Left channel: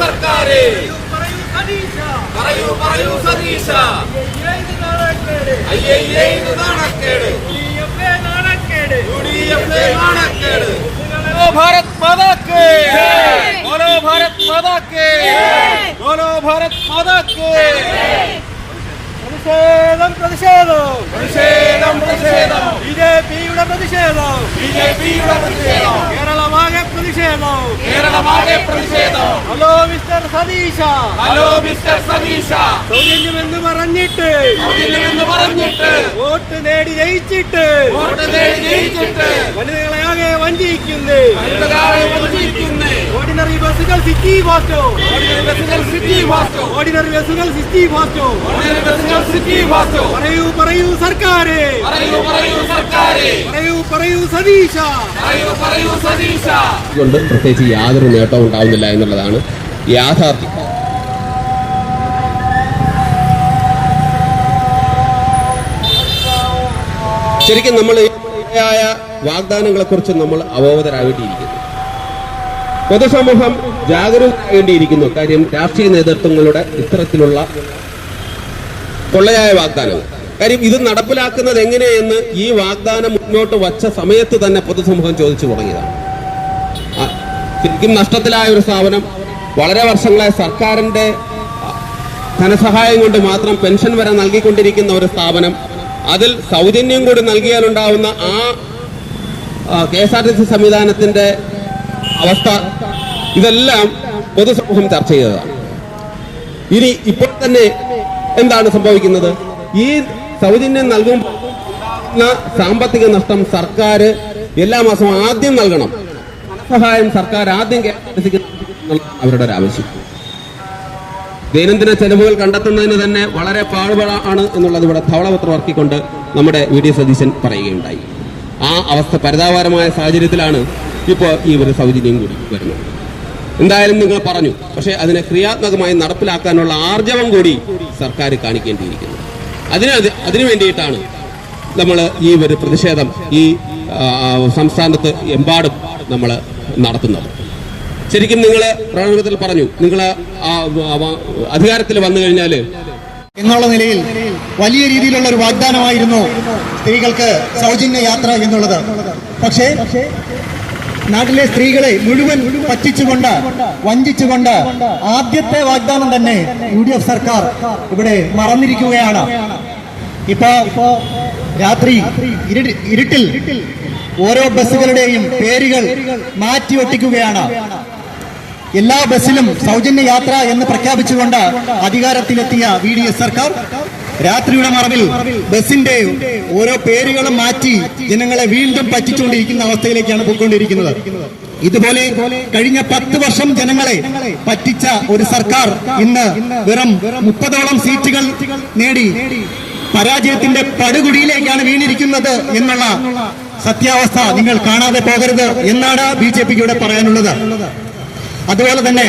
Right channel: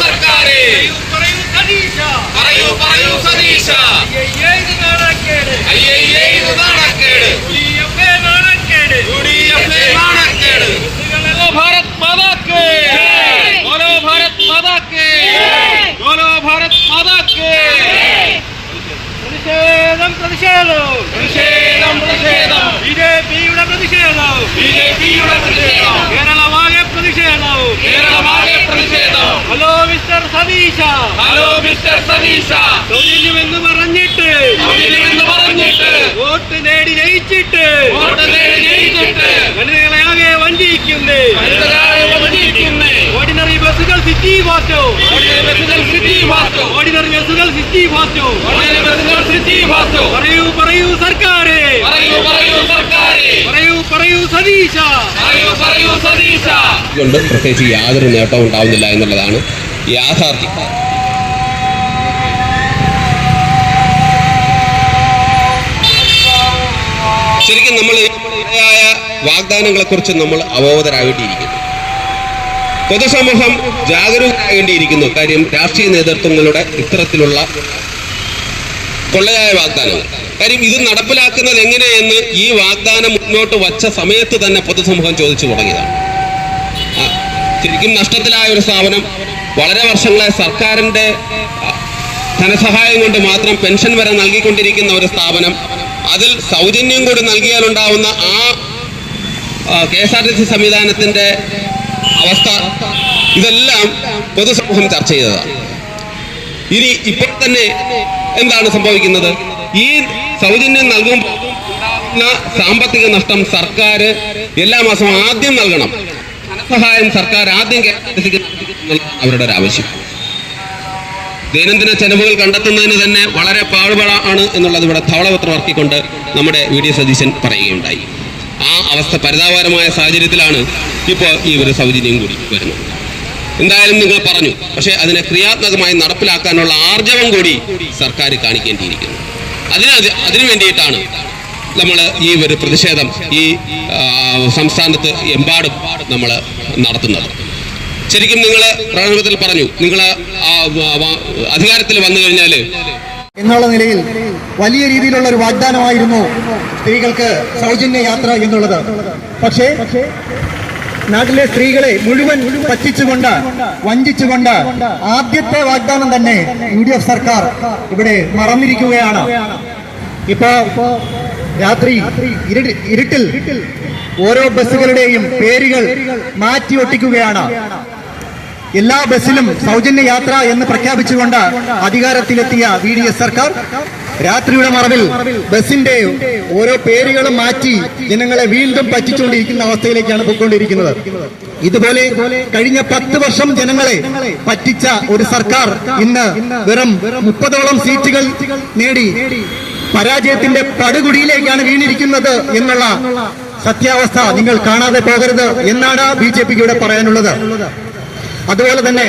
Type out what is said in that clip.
സർക്കാരെ പറയൂ സതീശ भारत माता के बोलो भारत माता के बोलो भारत माता के പ്രതിഷേധം പ്രതിഷേധം പ്രതിഷേധം പ്രതിഷേധം ബിജെപിയുടെ പ്രതിഷേധം ബിജെപിയുടെ പ്രതിഷേധം കേരളമാകെ പ്രതിഷേധം കേരളമാകെ പ്രതിഷേധം ഹലോ മിസ്റ്റർ സതീശ ഹലോ മിസ്റ്റർ സതീശ സൗജന്യമെന്ന് പറഞ്ഞിട്ട് വോട്ട് നേടി ജയിച്ചിട്ട് വനിതകളെ ആകെ വഞ്ചിക്കുന്നേ ഓർഡിനറി ബസ്സുകൾ സിറ്റി ഫാസ്റ്റോ ഓർഡിനറി ബസ്സുകൾ സിറ്റി ഫാസ്റ്റോ പറയൂ സർക്കാരെ പറയൂ സതീശ കൊണ്ട് പ്രത്യേകിച്ച് യാതൊരു നേട്ടവും ഉണ്ടാവുന്നില്ല എന്നുള്ളതാണ് യാഥാർത്ഥ്യം. ശരിക്കും നമ്മൾ ായ വാഗ്ദാനങ്ങളെക്കുറിച്ച് നമ്മൾ അവബോധരാകേണ്ടിയിരിക്കുന്നു. പൊതുസമൂഹം ജാഗരൂകരാകേണ്ടിയിരിക്കുന്നു. കാര്യം രാഷ്ട്രീയ നേതൃത്വങ്ങളുടെ ഇത്തരത്തിലുള്ള കൊള്ളയായ വാഗ്ദാനങ്ങൾ, കാര്യം ഇത് നടപ്പിലാക്കുന്നത് എങ്ങനെയെന്ന് ഈ വാഗ്ദാനം മുന്നോട്ട് വച്ച സമയത്ത് തന്നെ പൊതുസമൂഹം ചോദിച്ചു തുടങ്ങിയതാണ്. ശരിക്കും നഷ്ടത്തിലായ ഒരു സ്ഥാപനം, വളരെ വർഷങ്ങളായി സർക്കാരിൻ്റെ ധനസഹായം കൊണ്ട് മാത്രം പെൻഷൻ വരെ നൽകിക്കൊണ്ടിരിക്കുന്ന ഒരു സ്ഥാപനം, അതിൽ സൗജന്യം കൂടി നൽകിയാലുണ്ടാവുന്ന ആ KSRTC സംവിധാനത്തിൻ്റെ അവസ്ഥ, ഇതെല്ലാം പൊതുസമൂഹം ചർച്ച ചെയ്തതാണ്. ഇനി ഇപ്പോൾ തന്നെ എന്താണ് സംഭവിക്കുന്നത്? ഈ സൗജന്യം നൽകുമ്പോൾ സാമ്പത്തിക നഷ്ടം സർക്കാർ എല്ലാ മാസവും ആദ്യം നൽകണം. ധനസഹായം സർക്കാർ ആദ്യം KSRTCക്ക് അവരുടെ ഒരു ആവശ്യം. ദൈനംദിന ചെലവുകൾ കണ്ടെത്തുന്നതിന് തന്നെ വളരെ പാടുപാടാണ് എന്നുള്ളത് ഇവിടെ ധവളപത്രം ഇറക്കിക്കൊണ്ട് നമ്മുടെ VD സതീശൻ പറയുകയുണ്ടായി. ആ അവസ്ഥ പരിതാപകരമായ സാഹചര്യത്തിലാണ് ഇപ്പോൾ ഈ ഒരു സൗജന്യം കൂടി വരുന്നത്. എന്തായാലും നിങ്ങൾ പറഞ്ഞു, പക്ഷേ അതിനെ ക്രിയാത്മകമായി നടപ്പിലാക്കാനുള്ള ആർജവം കൂടി സർക്കാർ കാണിക്കേണ്ടിയിരിക്കുന്നു. അതിനു വേണ്ടിയിട്ടാണ് നമ്മൾ ഈ ഒരു പ്രതിഷേധം ഈ സംസ്ഥാനത്ത് എമ്പാടും നമ്മൾ നടത്തുന്നത്. ശരിക്കും നിങ്ങൾ പ്രകടനത്തിൽ പറഞ്ഞു, നിങ്ങൾ അധികാരത്തിൽ വന്നു കഴിഞ്ഞാൽ എന്നുള്ള നിലയിൽ വലിയ രീതിയിലുള്ള ഒരു വാഗ്ദാനമായിരുന്നു സ്ത്രീകൾക്ക് സൗജന്യ യാത്ര എന്നുള്ളത്. പക്ഷേ നാട്ടിലെ സ്ത്രീകളെ മുഴുവൻ പറ്റിച്ചുകൊണ്ട് വഞ്ചിച്ചുകൊണ്ട് ആദ്യത്തെ വാഗ്ദാനം തന്നെ UDF സർക്കാർ ഇവിടെ മറന്നിരിക്കുകയാണ്. ഇപ്പോ രാത്രി ഇരുട്ടിൽ ഓരോ ബസ്സുകളുടെയും പേരുകൾ മാറ്റി ഒട്ടിക്കുകയാണ്. എല്ലാ ബസ്സിലും സൗജന്യ യാത്ര എന്ന് പ്രഖ്യാപിച്ചുകൊണ്ട് അധികാരത്തിലെത്തിയ VDS സർക്കാർ രാത്രിയുടെ മറവിൽ ബസിന്റെ ഓരോ പേരുകളും മാറ്റി ജനങ്ങളെ വീണ്ടും പറ്റിച്ചുകൊണ്ടിരിക്കുന്ന അവസ്ഥയിലേക്കാണ് പോയിക്കൊണ്ടിരിക്കുന്നത്. ഇതുപോലെ കഴിഞ്ഞ 10 വർഷം ജനങ്ങളെ പറ്റിച്ച ഒരു സർക്കാർ ഇന്ന് വെറും 30ഓളം സീറ്റുകൾ നേടി പരാജയത്തിന്റെ പടുകുടിയിലേക്കാണ് വീണിരിക്കുന്നത് എന്നുള്ള സത്യാവസ്ഥ നിങ്ങൾ കാണാതെ പോകരുത് എന്നാണ് BJPക്ക് ഇവിടെ പറയാനുള്ളത്. അതുപോലെ തന്നെ